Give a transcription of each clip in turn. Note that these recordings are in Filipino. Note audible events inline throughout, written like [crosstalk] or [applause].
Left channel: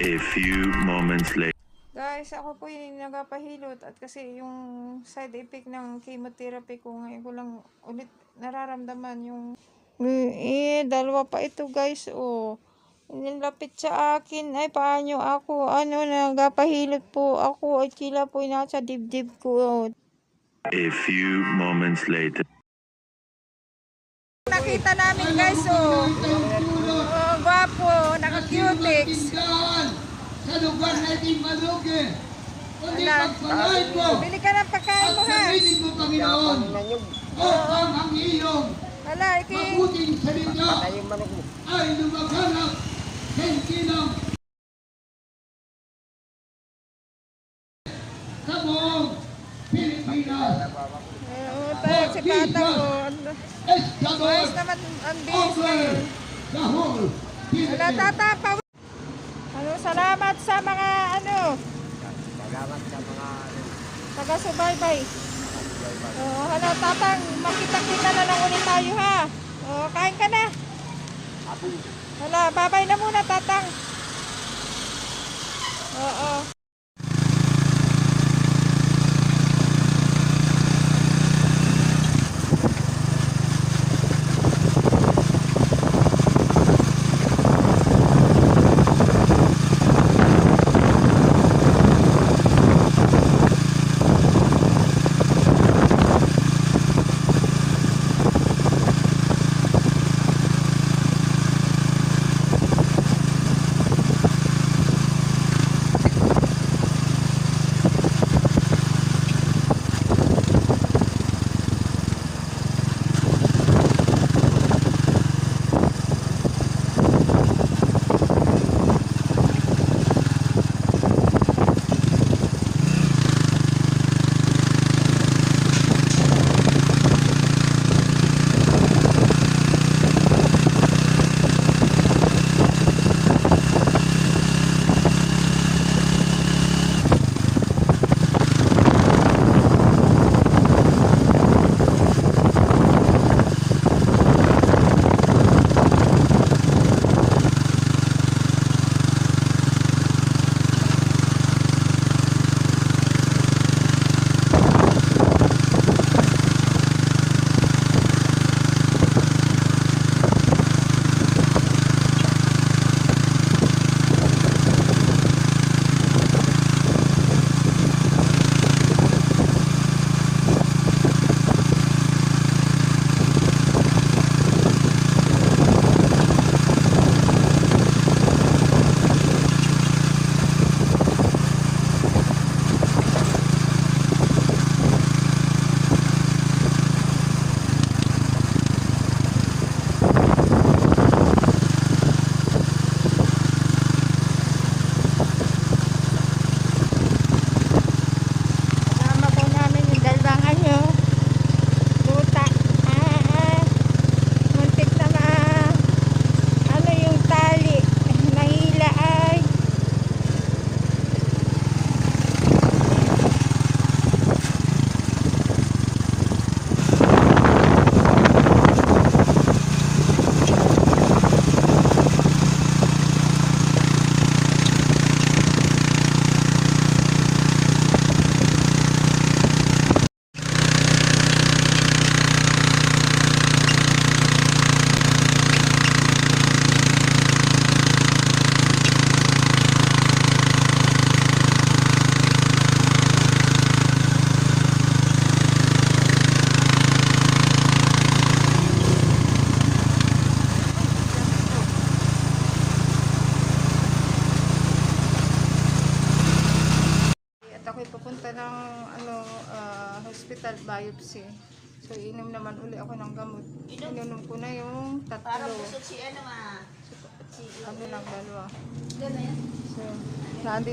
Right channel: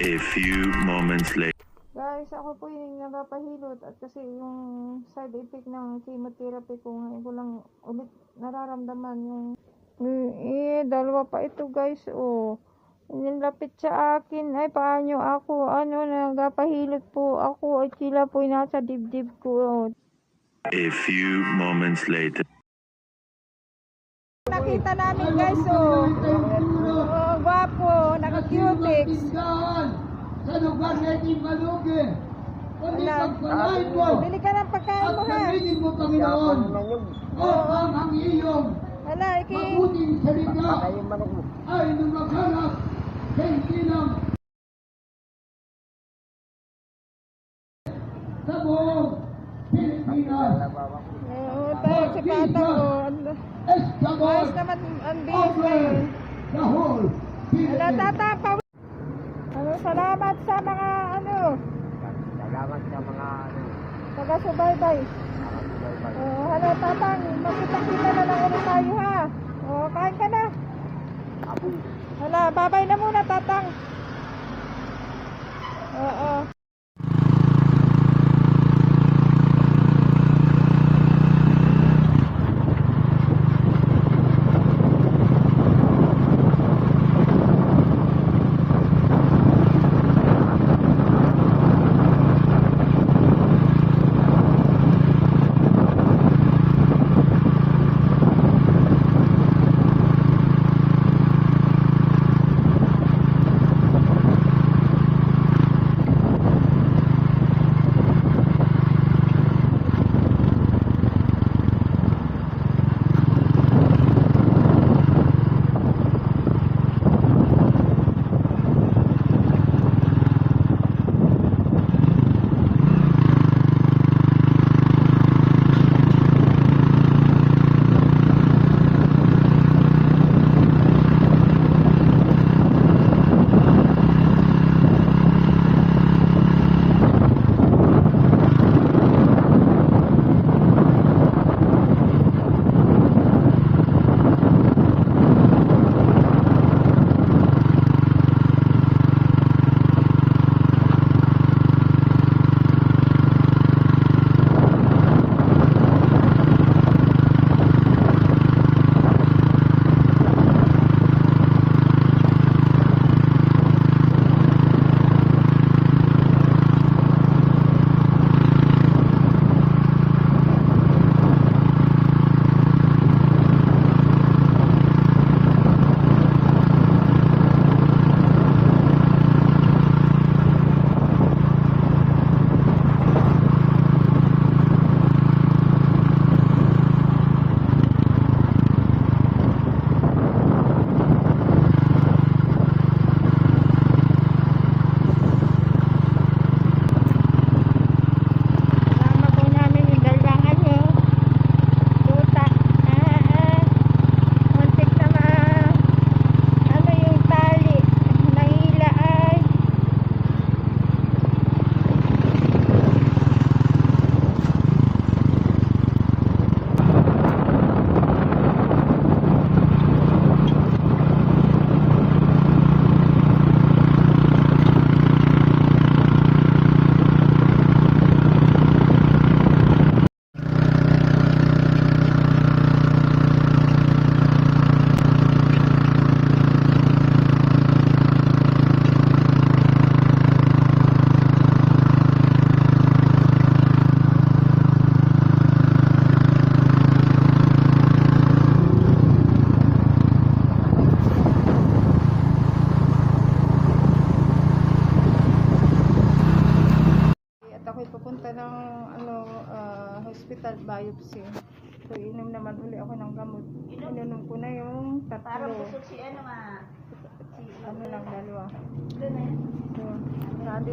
A few moments later. Guys, ako po yung nagapahilot at kasi yung side effect ng chemotherapy ko ngayon ko lang ulit nararamdaman yung eh, dalawa pa ito guys oh nilapit sa akin ay paano ako ano nagapahilot po ako at sila po yung nasa dibdib ko oh. A few moments later. nakita namin guys oh, oh gwapo naka-cutex sa lugar natin malugi. Kundi Ala, pagpalain mo at suritin mo, Panginoon. Upang ang iyong mabuting salita. Ay lumaganap hindi ng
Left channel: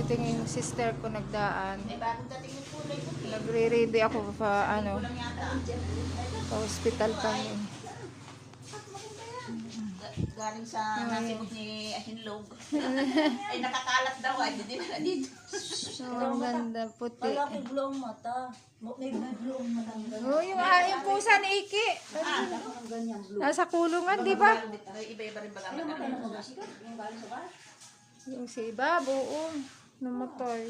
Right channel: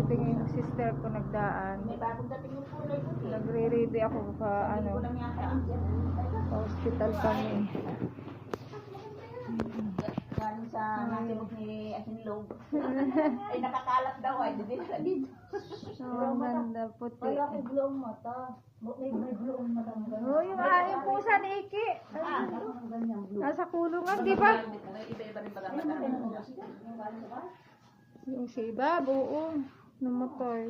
nandito yung sister ko nagdaan. Yung puti. Nagre-ready ako pa ano, yata. pa hospital kami. Galing sa nasibog ni Ahinlog. Ay nakakalat daw ay. Hindi na dito. So, ang ganda puti. Kaya kay blue ang mata. Mo- May, may blue ang mata. Oh, yung aking pusa ni Iki. Ah. Nasa kulungan, di ba? Iba-iba rin pala. Yung galing sa namatay.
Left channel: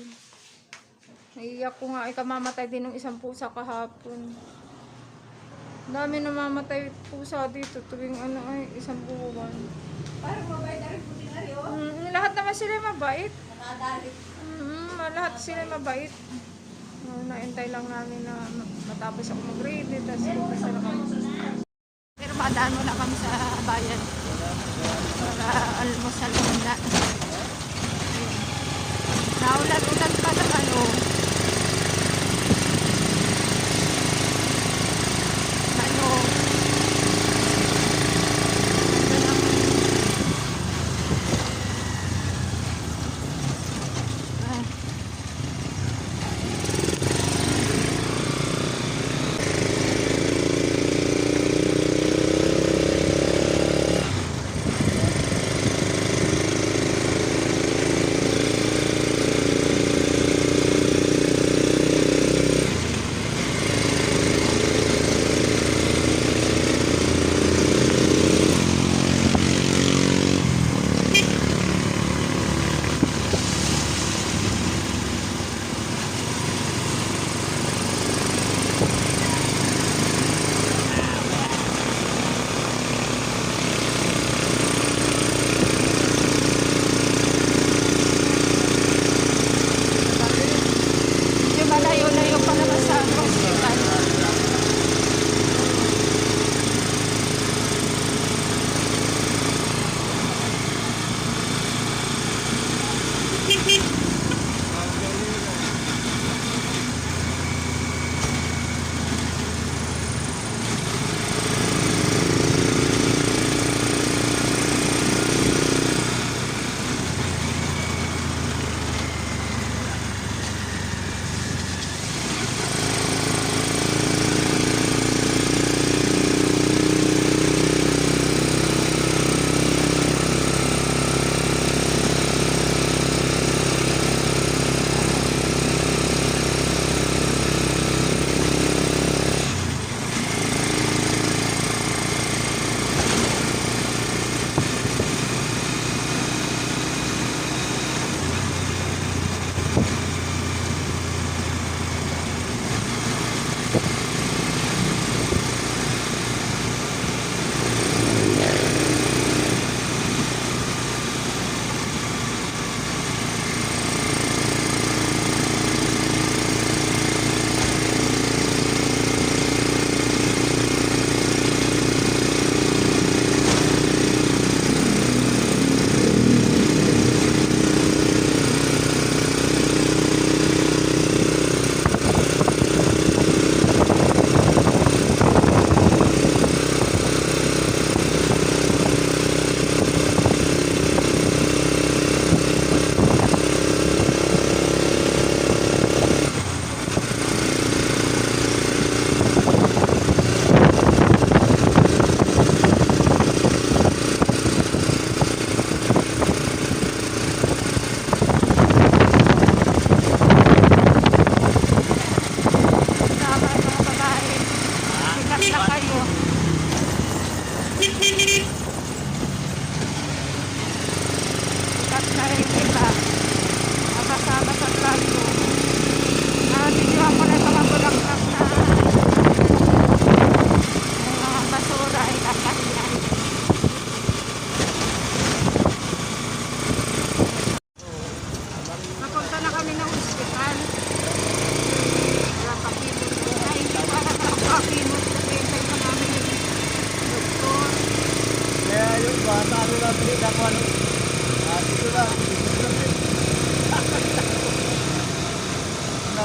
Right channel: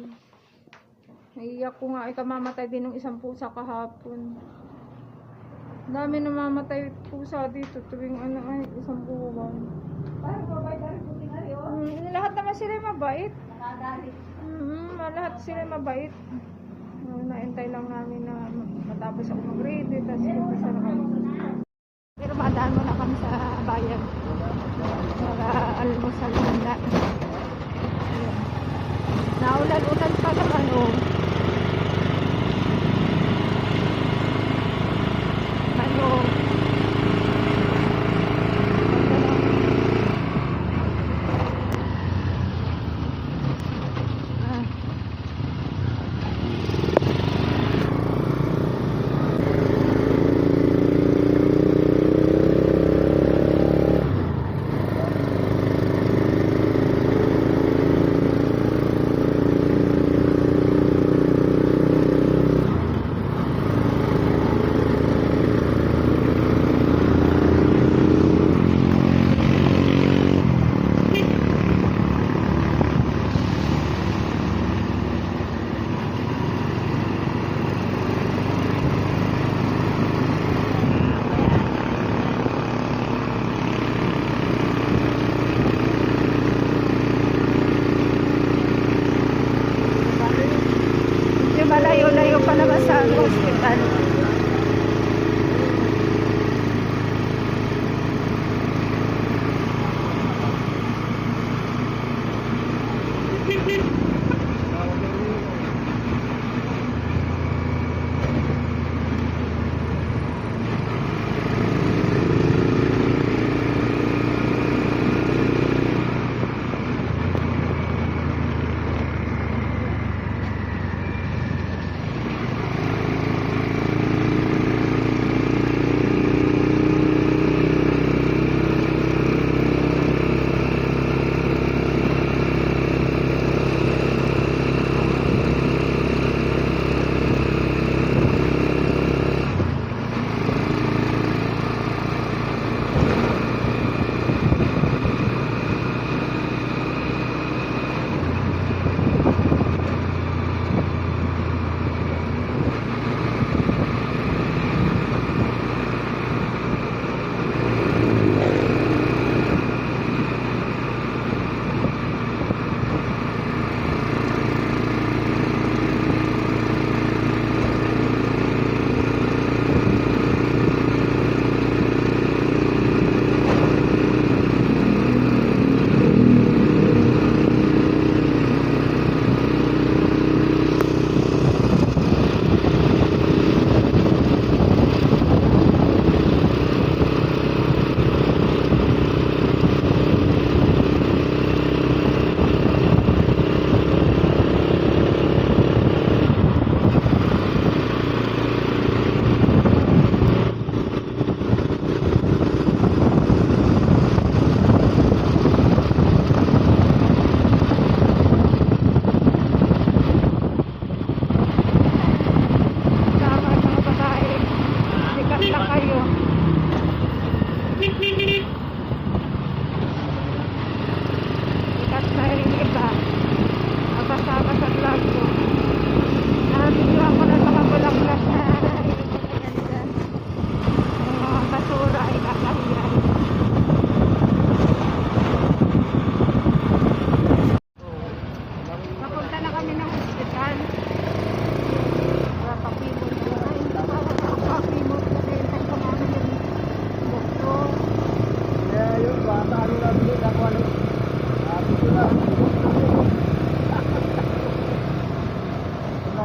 Naiiyak ko nga, ay kamamatay din ng isang pusa kahapon. Dami namamatay pusa dito tuwing ano ay isang buwan. Parang mabait na rin po tinari, oh. Mm, lahat naman sila mabait. Nakadali. Mm, lahat sila mabait. Uh, naintay lang namin na matapos ako mag-ready, tapos umpisa na kami. Pero madaan muna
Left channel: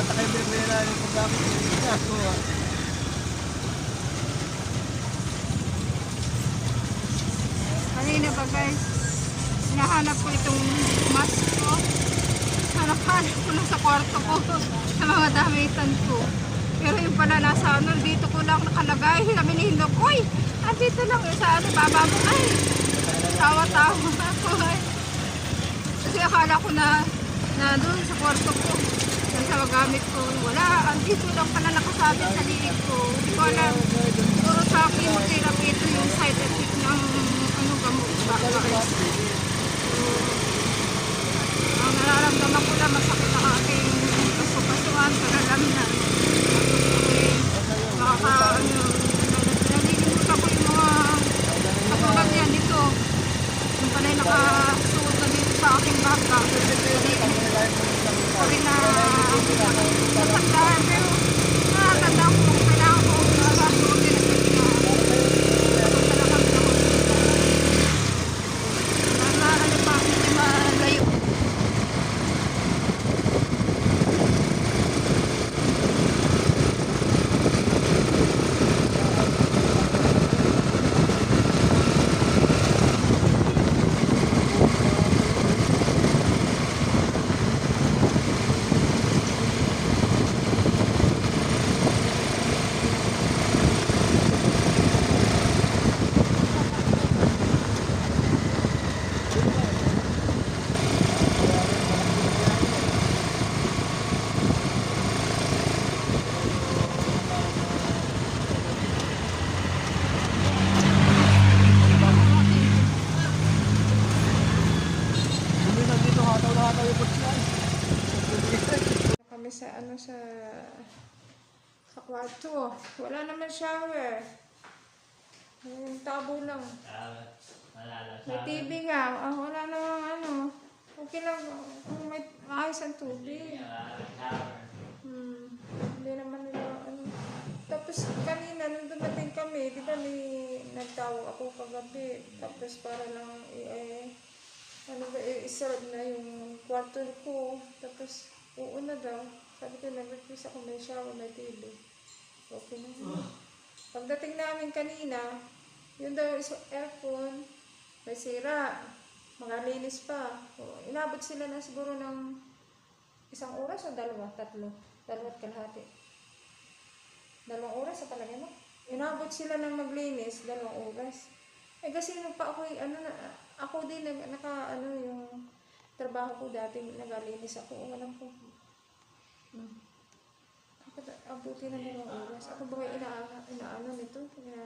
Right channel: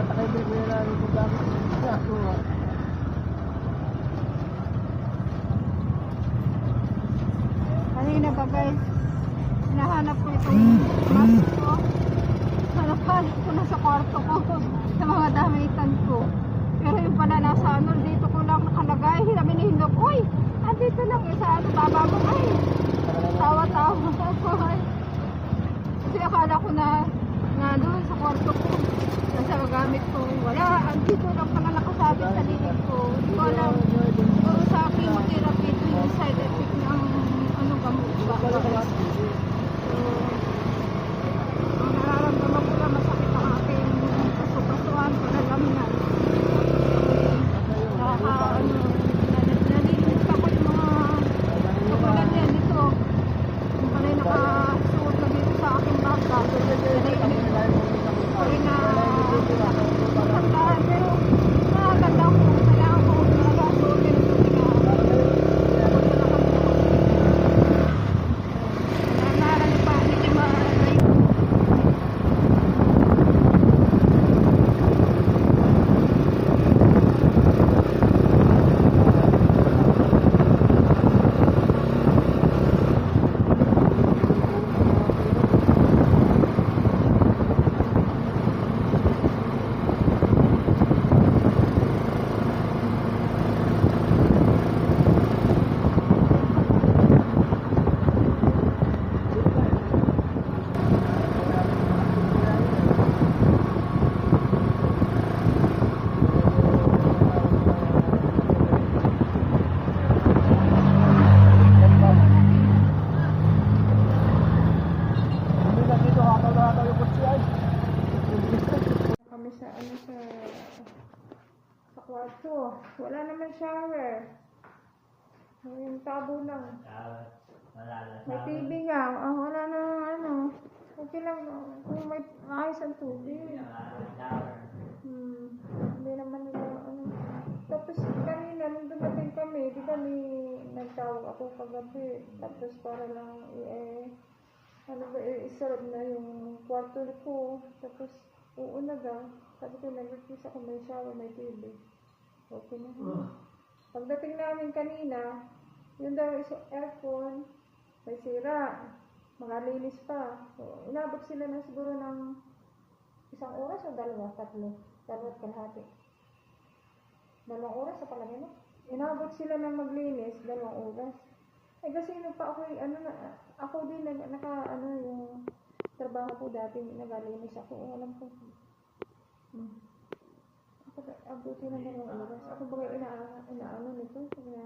Kung natakay bilhin na yung gamit. Ako ah. Kanina pa guys, hinahanap ko itong mask ko. Hanap-hanap ko na sa kwarto ko, [laughs] sa mga damitan ko. Pero yung pala nasa ano, dito ko lang nakalagay. Sabi ni Hindog, Uy, nandito lang yung sa baba mo. Ay, tawa-tawa [laughs] ako. Kasi akala ko na, na doon sa kwarto ko, nasa gamit ko. Wala, andito lang pala nakasabit sa liig ko. Hindi ko alam. Puro sa akin, therapy ito yung side effect ng ano gamot. May TV nga. Oh, wala na ano. Okay lang kung may maayos ang tubig. Hmm. Hindi naman nila ano. Tapos kanina nung dumating kami, di ba may nagtawag ako kagabi. Tapos para lang eh, ano ba, eh, iserve na yung kwarto ko. Tapos, oo na daw. Sabi ko, nag-request ako may shower, may TV. Okay na. yun. Pagdating namin kanina, yun daw is aircon, may sira. Mga linis pa. O, inabot sila na siguro ng isang oras o dalawa, tatlo. Dalawat kalahati. Dalawang oras sa palagay mo. Inabot sila ng maglinis, dalawang oras. Eh kasi nung pa ako, ano na, ako din, nag, naka, ano, yung trabaho ko dati, nagalinis ako. Alam ko. Hmm. Abuti na dalawang oras. Ako ba ina, inaano nito? Kaya,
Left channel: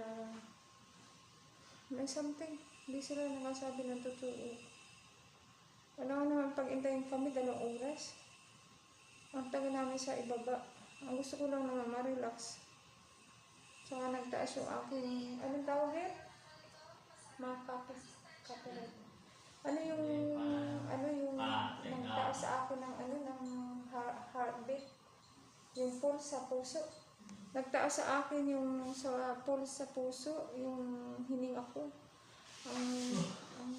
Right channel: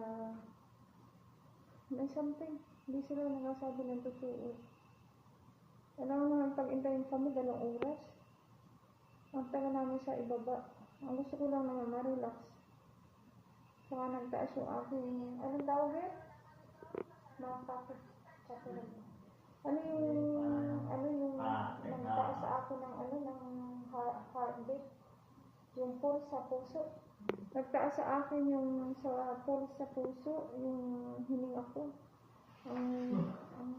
may something. Hindi sila nakasabi ng totoo. Ano naman pag-intayin kami, dalawang oras. Ang tagal namin sa ibaba. Ang gusto ko lang naman ma-relax. Saka nagtaas yung aking, anong tawag yun? Mga kape. Kape. Ano yung, ano yung, Ah, nagtaas sa akin ng, ano, ng heart, heartbeat. Yung pulse sa puso. Nagtaas sa akin yung sa pulse sa puso, yung hininga ko. Ang, ang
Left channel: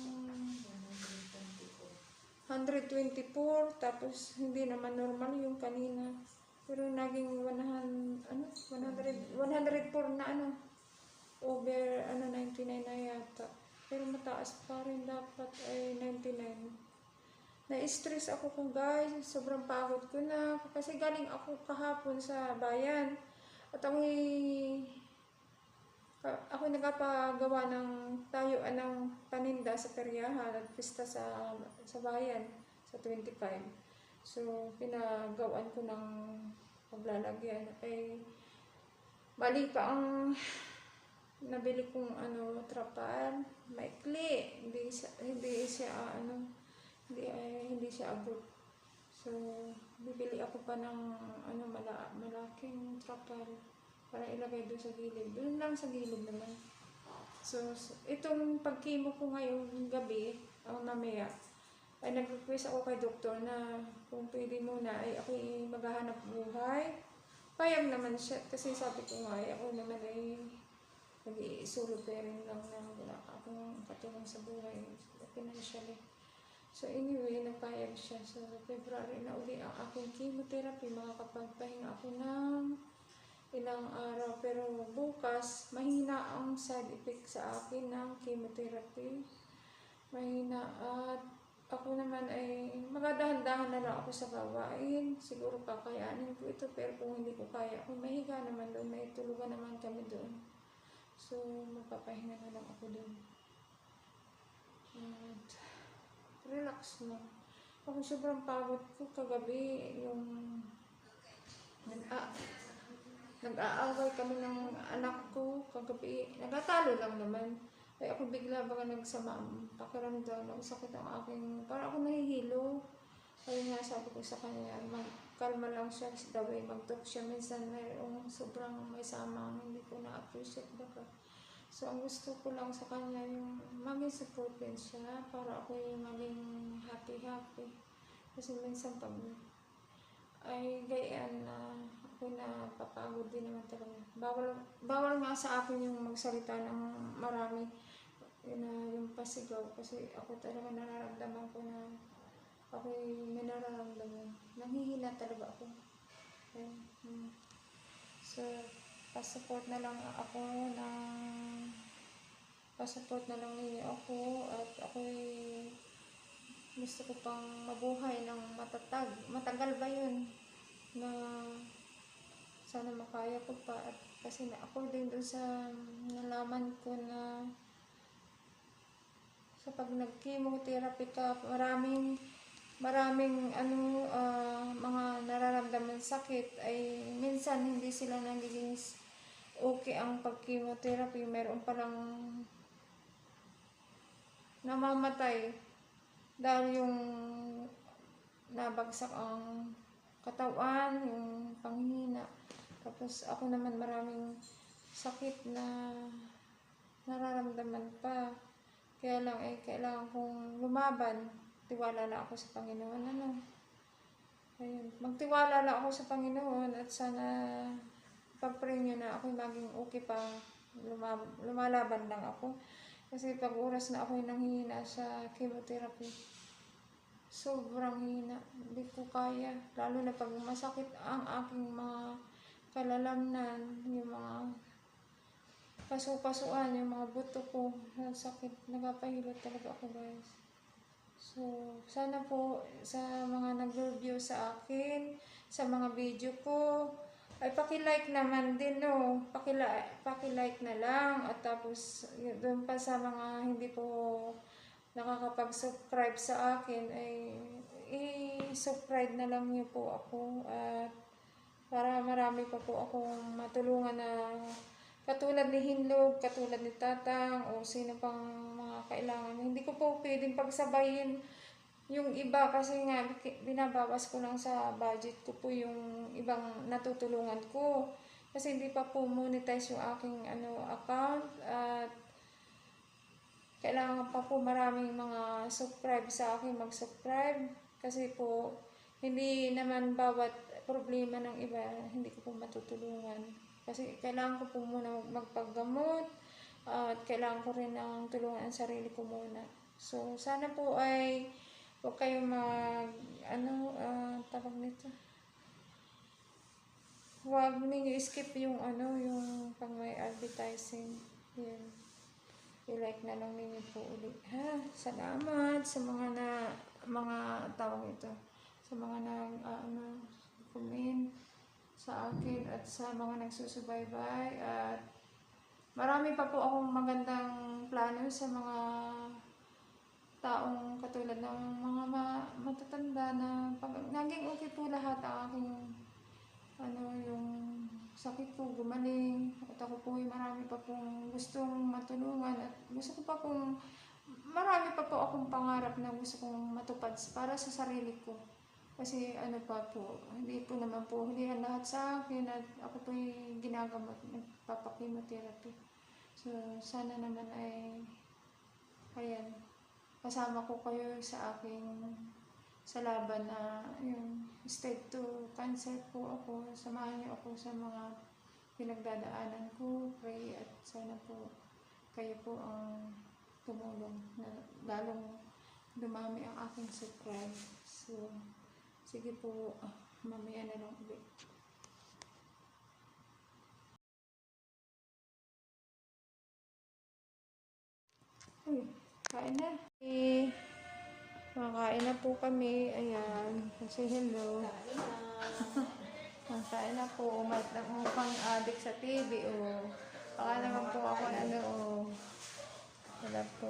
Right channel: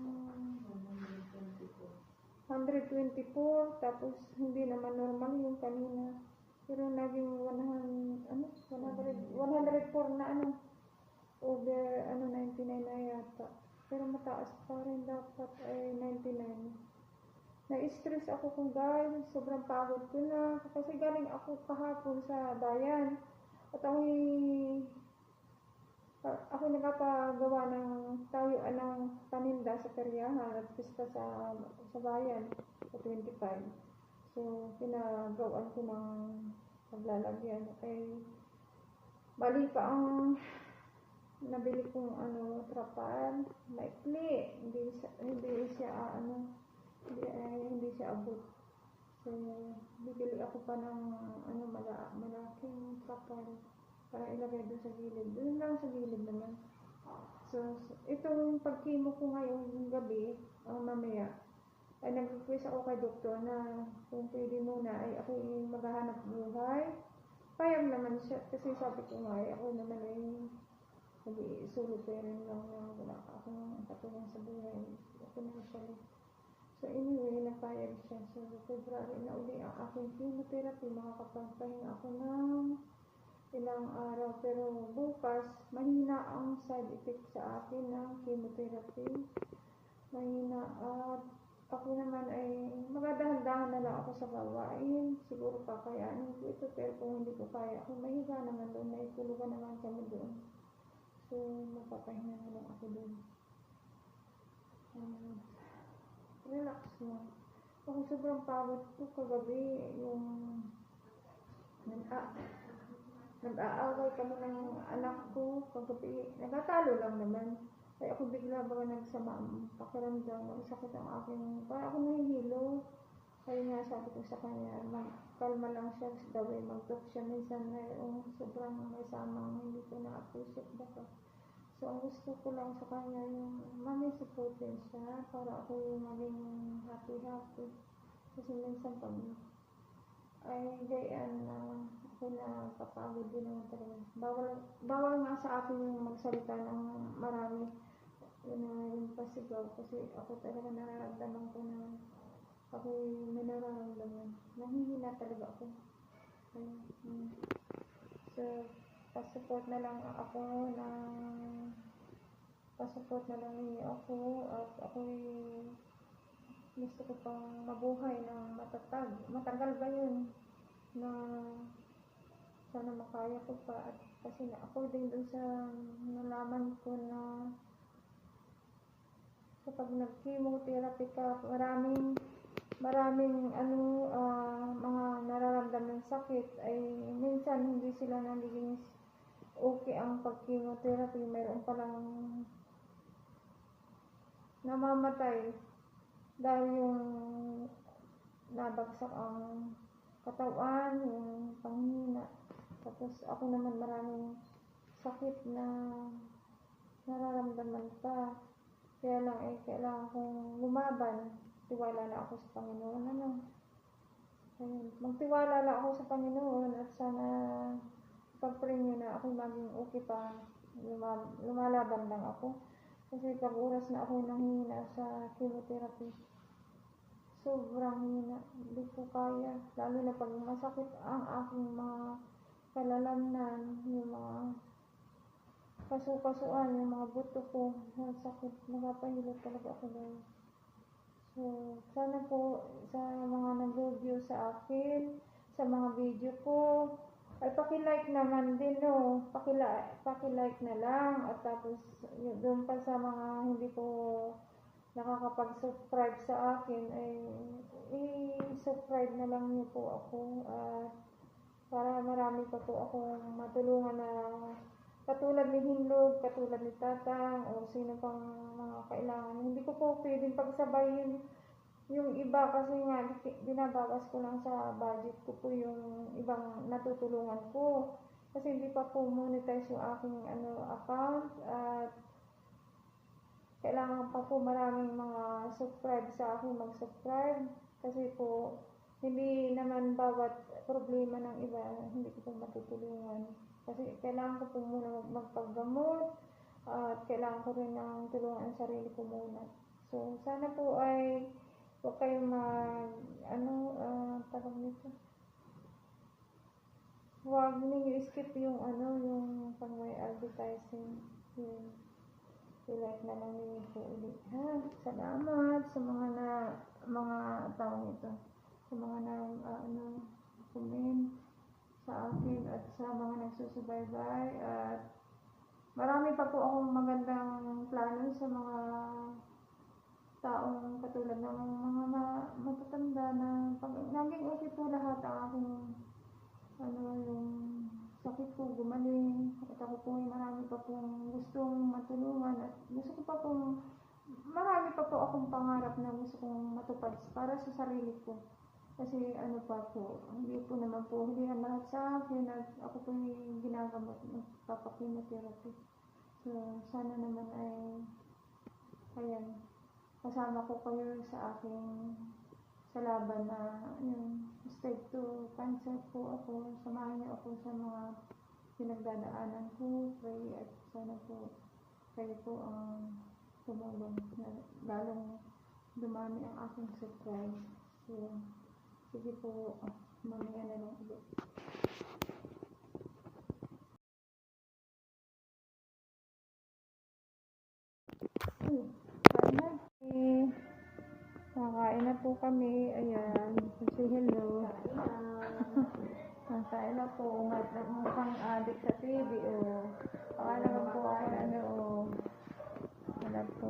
124, tapos hindi naman normal yung kanina. Pero naging 100, ano, 100, 104 na ano, over ano 99 na yata. Pero mataas pa rin dapat ay 99. Na-stress ako ko guys, sobrang pagod ko na kasi galing ako kahapon sa bayan. At ako'y ako nagpagawa ng tayuan ng paninda sa peryahan at pista sa sa bayan sa 25. So, pinagawan ko ng paglalagyan. Ay, bali pa ang nabili kong ano, trapal, maikli. Hindi siya, hindi siya ah, ano, hindi, ay, hindi siya abot. So, bibili ako pa ng ano, mala, malaking trapal para ilagay doon sa gilid. Doon lang sa gilid naman. So, itong pagkimo ko ngayong gabi, ang mamaya, ay nag-request ako kay doktor na kung pwede muna ay ako ay maghahanap buhay. Payag naman siya kasi sabi ko nga ako naman ay nag-iisolo pero lang na wala akong katulong sa buhay financially. So anyway, napayag siya. So February na uli ang aking chemotherapy. Makakapagpahinga ako ng ilang araw. Pero bukas, mahina ang side effect sa akin ng chemotherapy. Mahina at ako naman ay magadahan-dahan na lang ako sa gawain. Siguro kakayanin ko ito pero kung hindi ko kaya, kung mahiga naman doon, may tulugan naman kami doon. So, magpapahinga na lang ako doon. At relax mo. Ako sobrang pagod ko kagabi yung nag nag-aaway kami ng anak ko kagabi. Nagtatalo lang naman. Ay ako bigla baga nagsama ang pakiramdam. Sakit ang aking, parang ako nahihilo. Kaya nga sabi ko sa kanya, magkalma lang siya daw eh, mag-talk siya. Minsan mayroong sobrang may sama hindi ko na-appreciate baga. So, ang gusto ko lang sa kanya yung maging supported siya para ako yung maging happy-happy. Kasi minsan pag ay gayaan na ako na papagod din naman talaga. Bawal, bawal nga sa akin yung magsalita ng marami na yung pasigaw kasi ako talaga nararamdaman ko na ako yung may nararamdaman. Nanghihina talaga ako. Ayun, mm. So, pasupport na lang ako ng pasupport na lang ninyo ako at ako gusto ko pang mabuhay ng matatag. Matagal ba yun na sana makaya ko pa at kasi na ako din doon sa nalaman ko na sa pag nag-chemotherapy ka, maraming maraming ano ah, mga nararamdaman sakit ay minsan hindi sila nagiging okay ang pag-chemotherapy. Meron palang namamatay dahil yung nabagsak ang katawan, yung panghina. Tapos ako naman maraming sakit na nararamdaman pa. Kaya lang eh, kailangan kong lumaban. Tiwala lang ako sa Panginoon. Ano? Ayun. Magtiwala lang ako sa Panginoon at sana pag-pray niyo na ako maging okay pa. Luma- lumalaban lang ako. Kasi pag oras na ako nanghihina sa chemotherapy, sobrang hina. Hindi ko kaya. Lalo na pag masakit ang aking mga kalalamnan, yung mga kasu-kasuan, yung mga buto ko, ang sakit. Nagapahilot talaga ako guys. So, sana po sa mga nag-review sa akin, sa mga video ko, ay paki-like naman din, no. Paki-like, paki-like na lang. At tapos, doon pa sa mga hindi po nakakapag-subscribe sa akin, ay i-subscribe na lang niyo po ako. At para marami pa po akong matulungan na katulad ni Hinlog, katulad ni Tatang, o sino pang mga kailangan. Hindi ko po pwedeng pagsabayin yung iba kasi nga binabawas ko lang sa budget ko po yung ibang natutulungan ko. Kasi hindi pa po monetize yung aking ano account at kailangan pa po maraming mga subscribe sa akin mag-subscribe kasi po hindi naman bawat problema ng iba hindi ko po matutulungan. Kasi kailangan ko po muna magpaggamot at kailangan ko rin ng tulungan ang sarili ko muna. So, sana po ay huwag kayong mag, ano, ah, tawag nito. Huwag ninyo skip yung ano, yung pang may advertising. Yun. I-like na lang ninyo po ulit. Ha? Salamat sa mga na, mga tawag ito. Sa mga nag, ah, ano, comment sa akin at sa mga nagsusubaybay. At marami pa po akong magandang plano sa mga taong katulad ng mga ma- matatanda na pag, naging okay po lahat ang aking ano yung sakit ko gumaling. At ako po ay marami pa pong gustong matulungan at gusto ko pa pong marami pa po akong pangarap na gusto kong matupad para sa sarili ko kasi ano pa po, hindi po naman po hulihan lahat sa akin at ako po yung ginagamot, nagpapakimotherapy. So, sana naman ay, ayan, kasama ko kayo sa aking, sa laban na yung stage 2 cancer po ako. Samahan niyo ako sa mga pinagdadaanan ko, pray at sana po kayo po ang tumulong na lalong dumami ang aking subscribe. So, Sige po, ah, mamaya na lang ulit. Uy, kain na. Eh, na po kami. Ayan. Say hello. Ah, Kain na po. Umat na po pang adik sa TV. Oh. Baka naman po ako na ano. Oh. Wala po.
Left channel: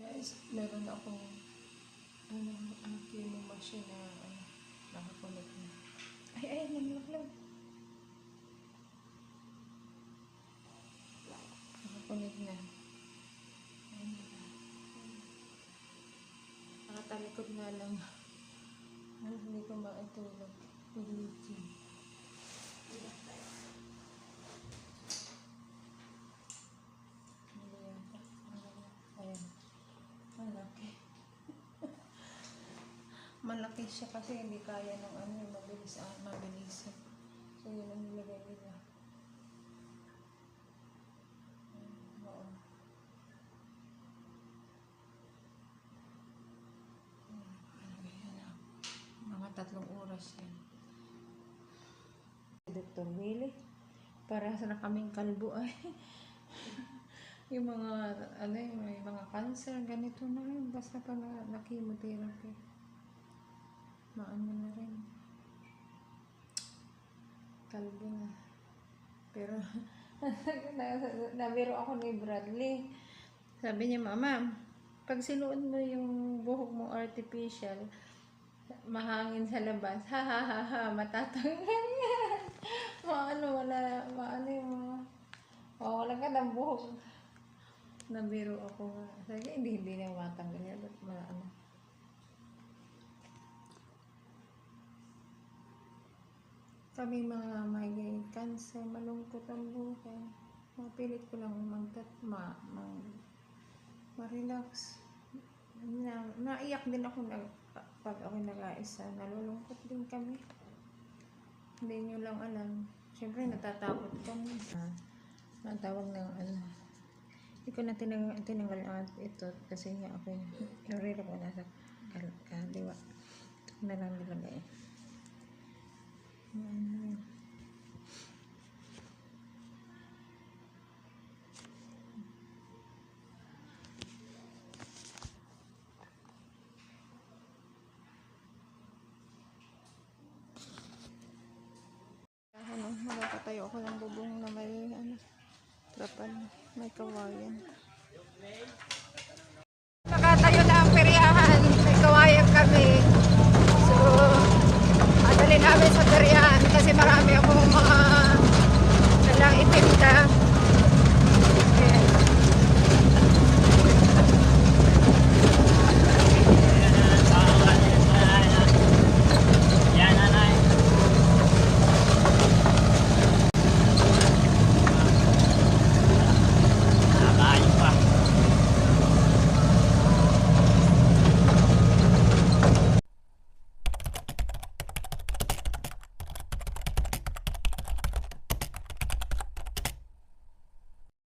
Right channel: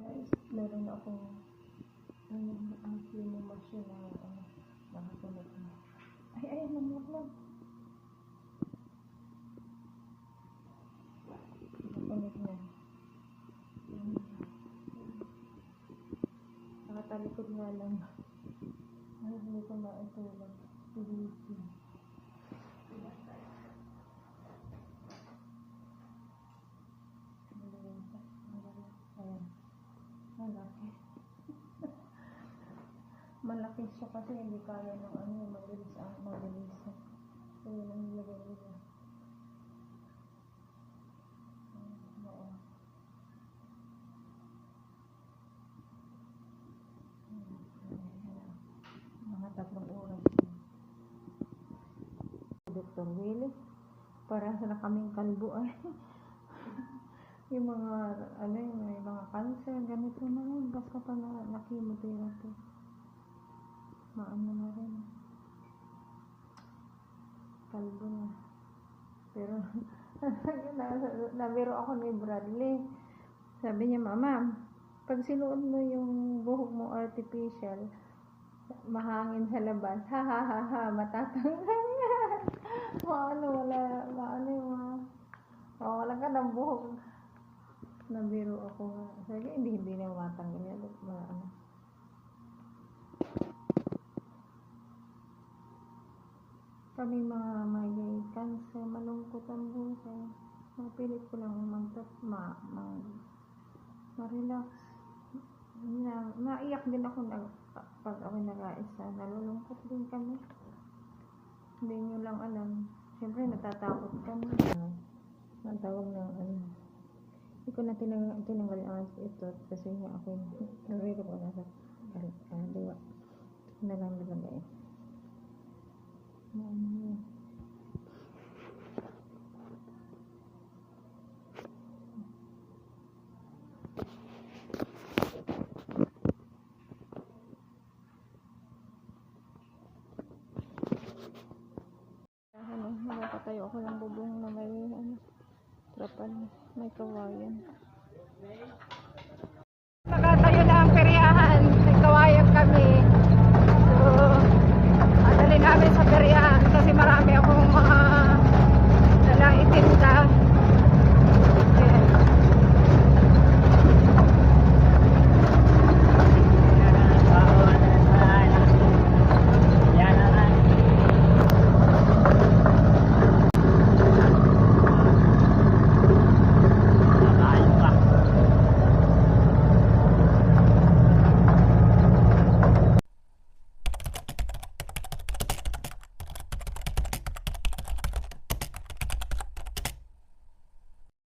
Guys, meron akong ano, ang cleaning machine na ano, nakakulit na. Ay, ay, naglaklog. Nakakulit na. Nakatalikod nga lang. Hindi ko maitulog. Pilitin. Ayan. Malaki. Malaki siya kasi hindi kaya ng ano, mabilis ang mabilis. So, yun ang nilagay nila. Mm, Oo. Mm, ano ah. Mga tatlong oras yan. Para sa na kaming kalbo ay. [laughs] yung mga, ano yung mga cancer, ganito na rin. Basta pa na, na chemotherapy. Maano na rin. Kalbo na. Pero, na, [laughs] nabiro ako ni Bradley. Sabi niya, Mama, pag sinuot mo yung buhok mo artificial, mahangin sa labas, [laughs] ha ha ha ha, matatanggal yan. [laughs] maano, wala, maano yung mga, oh, wala ka ng buhok. Nabiro ako. Sabi niya, hindi, hindi na matanggal yan. Ba't ma, ano. Kami mga may cancer, malungkot ang buhay. Mapilit ko lang magtat, ma, ma, ma-relax. Na, naiyak din ako na, pag ako nag-aisa, nalulungkot din kami. Hindi nyo lang alam. Siyempre, natatakot kami. Uh, natawag ng ano. Hindi ko na tinang, tinanggal ang ito kasi nga ako yung relo ko nasa kal- kaliwa. Na lang nilagay. Ano yun.